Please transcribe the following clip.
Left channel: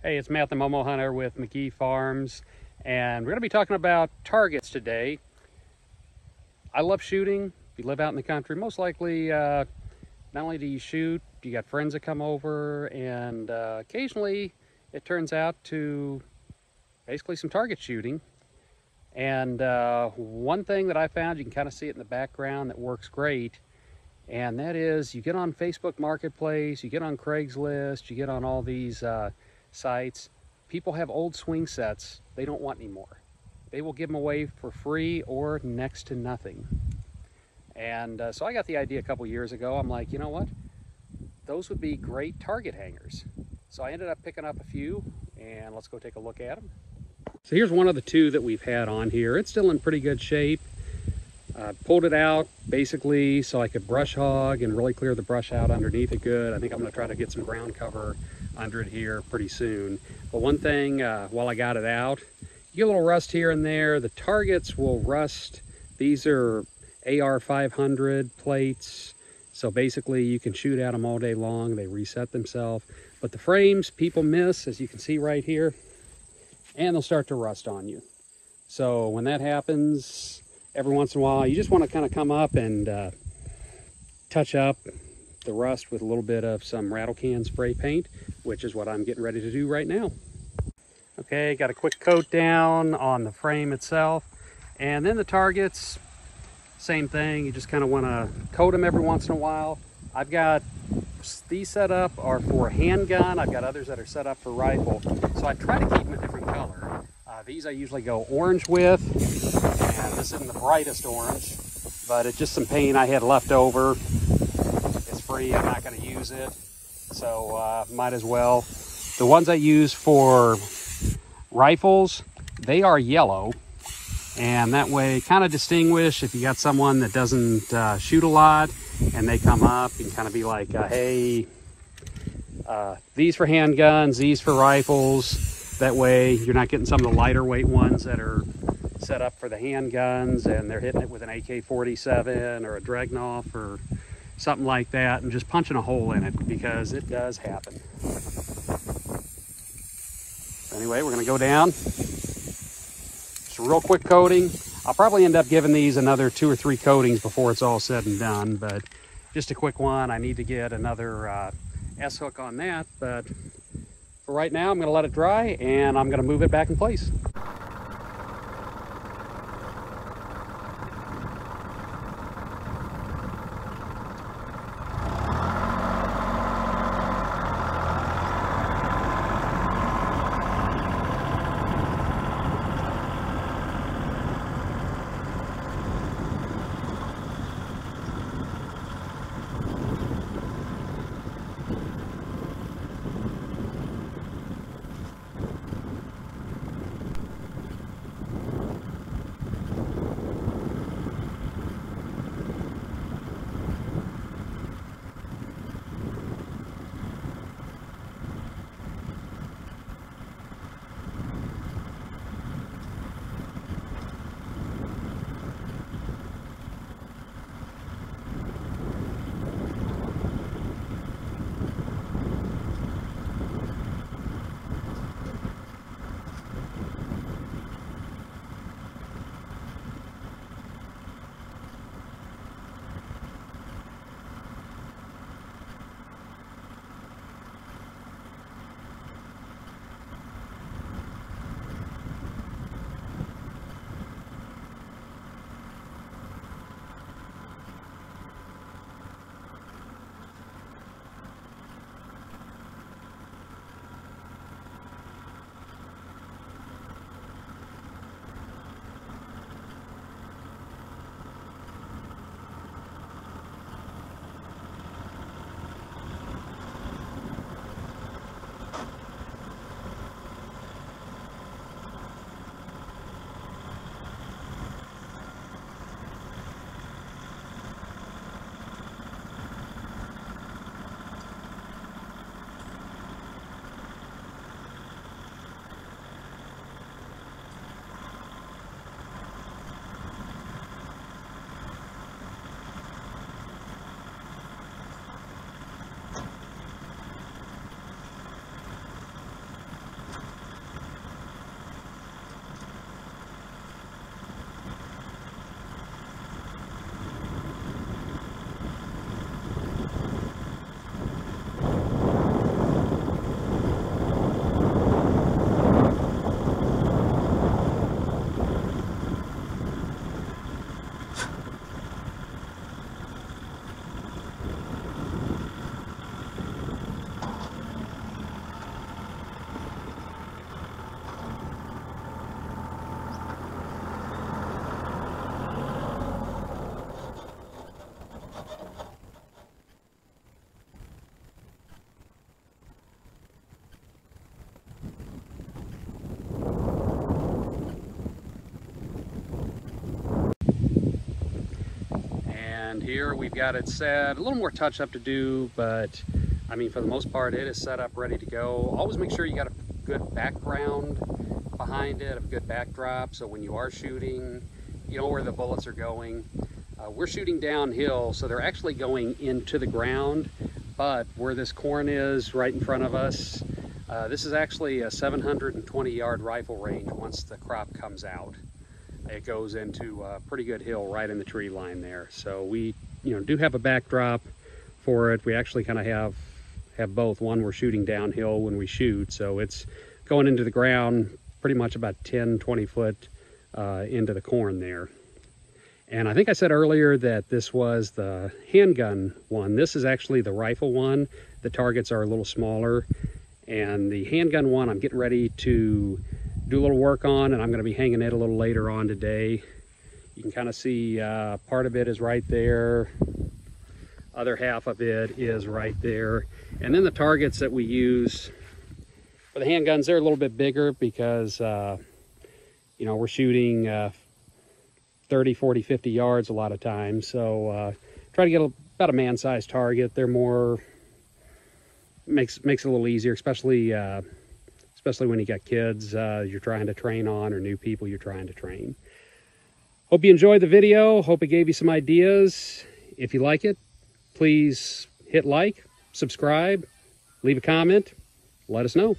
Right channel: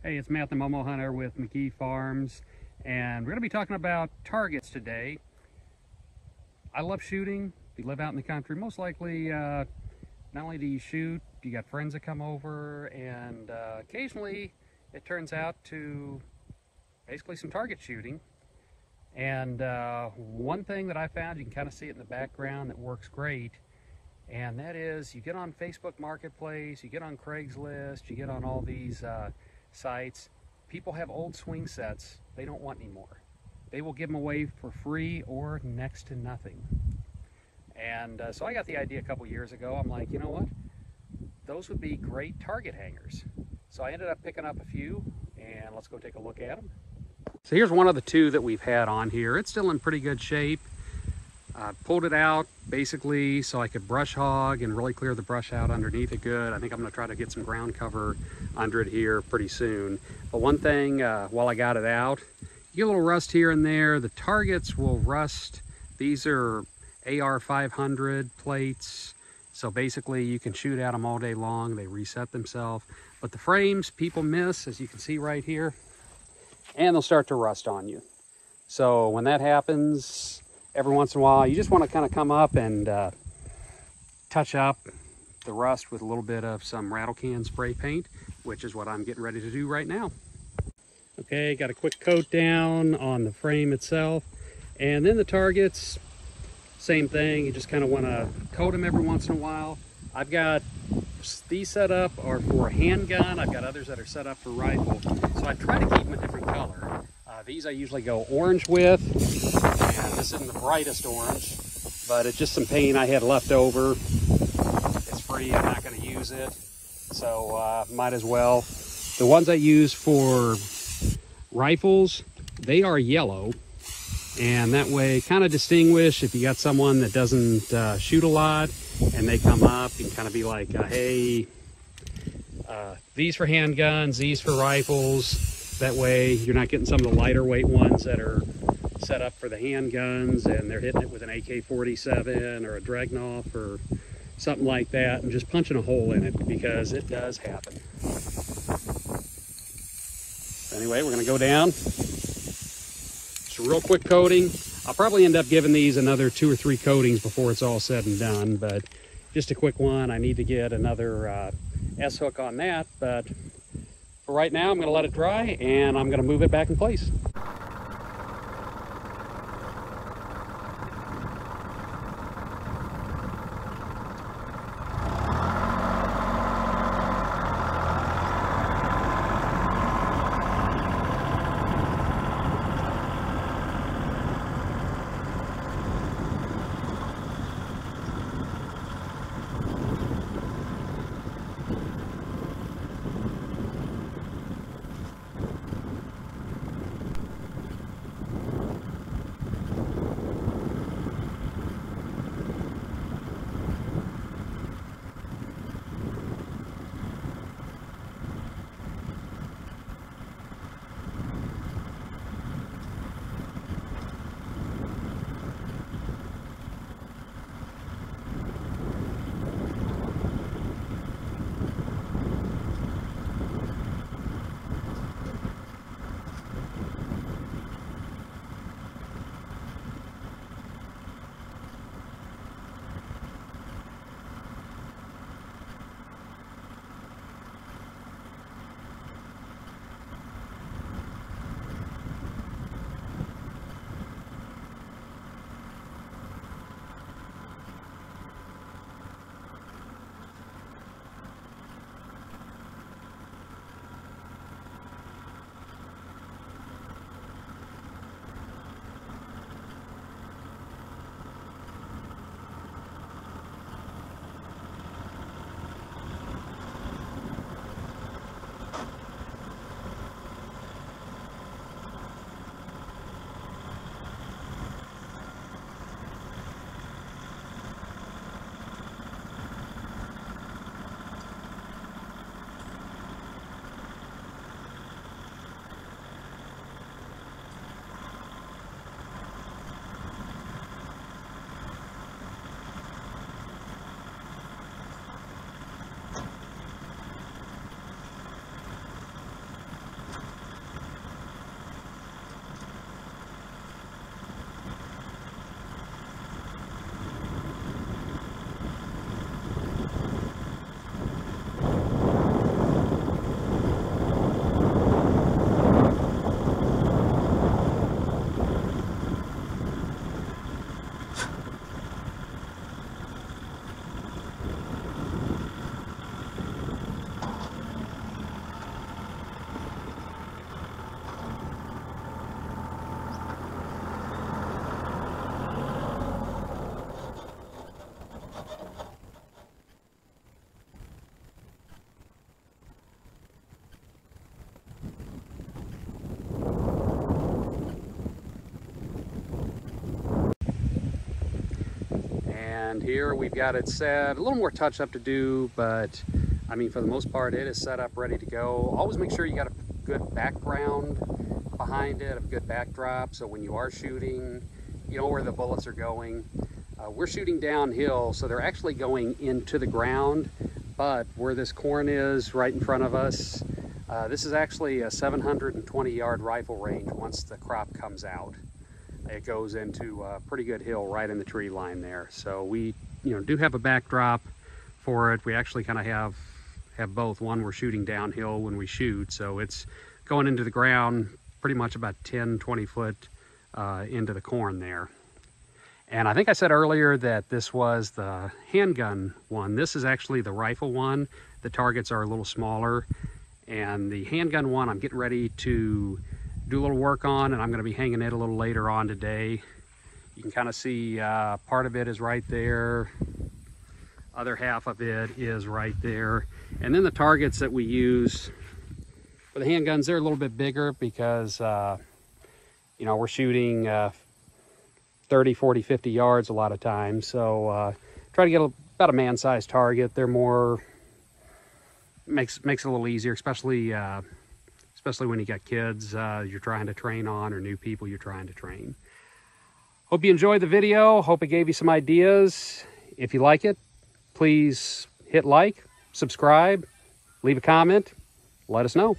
Hey, it's Matt the Momo Hunter with McGee Farms, and we're going to be talking about targets today. I love shooting. If you live out in the country, most likely not only do you shoot, you got friends that come over, and occasionally it turns out to basically some target shooting. And one thing that I found, you can kind of see it in the background, that works great, and that is you get on Facebook Marketplace, you get on Craigslist, you get on all these sites. People have old swing sets they don't want anymore. They will give them away for free or next to nothing. And so I got the idea a couple years ago. I'm like, you know what? Those would be great target hangers. So I ended up picking up a few, and let's go take a look at them. So here's one of the two that we've had on here. It's still in pretty good shape. Pulled it out basically so I could brush hog and really clear the brush out underneath it good. I think I'm going to try to get some ground cover under it here pretty soon. But one thing, while I got it out, you get a little rust here and there. The targets will rust. These are AR 500 plates. So basically you can shoot at them all day long. They reset themselves. But the frames people miss, as you can see right here, and they'll start to rust on you. So when that happens, every once in a while, you just want to kind of come up and touch up the rust with a little bit of some rattle can spray paint, which is what I'm getting ready to do right now. Okay, got a quick coat down on the frame itself. And then the targets, same thing. You just kind of want to coat them every once in a while. I've got these set up are for handgun. I've got others that are set up for rifle. So I try to keep them a different color. These I usually go orange with. And this isn't the brightest orange, but it's just some paint I had left over. It's free, I'm not going to use it, so might as well. The ones I use for rifles, they are yellow, and that way kind of distinguish if you got someone that doesn't shoot a lot and they come up, you can kind of be like, hey, these for handguns, these for rifles. That way you're not getting some of the lighter weight ones that are set up for the handguns and they're hitting it with an AK-47 or a Dragunov or something like that and just punching a hole in it, because it does happen. Anyway, we're going to go down. Just a real quick coating. I'll probably end up giving these another 2 or 3 coatings before it's all said and done, but just a quick one. I need to get another S-hook on that, but for right now I'm going to let it dry and I'm going to move it back in place. here. We've got it set, a little more touch up to do, but I mean, for the most part, it is set up, ready to go. Always make sure you got a good background behind it, a good backdrop, so when you are shooting, you know where the bullets are going. We're shooting downhill, so they're actually going into the ground, but where this corn is right in front of us, this is actually a 720-yard rifle range once the crop comes out. It goes into a pretty good hill right in the tree line there. So we, do have a backdrop for it. We actually kind of have both. One, we're shooting downhill when we shoot, so it's going into the ground pretty much about 10, 20 foot into the corn there. And I think I said earlier that this was the handgun one. This is actually the rifle one. The targets are a little smaller. And the handgun one I'm getting ready to do a little work on, and I'm going to be hanging it a little later on today. You can kind of see part of it is right there. Other half of it is right there. And then the targets that we use for the handguns, they're a little bit bigger because, we're shooting 30, 40, 50 yards a lot of times. So try to get about a man-sized target. They're more, makes it a little easier, especially when you got kids you're trying to train on, or new people you're trying to train. Hope you enjoyed the video. Hope it gave you some ideas. If you like it, please hit like, subscribe, leave a comment, let us know.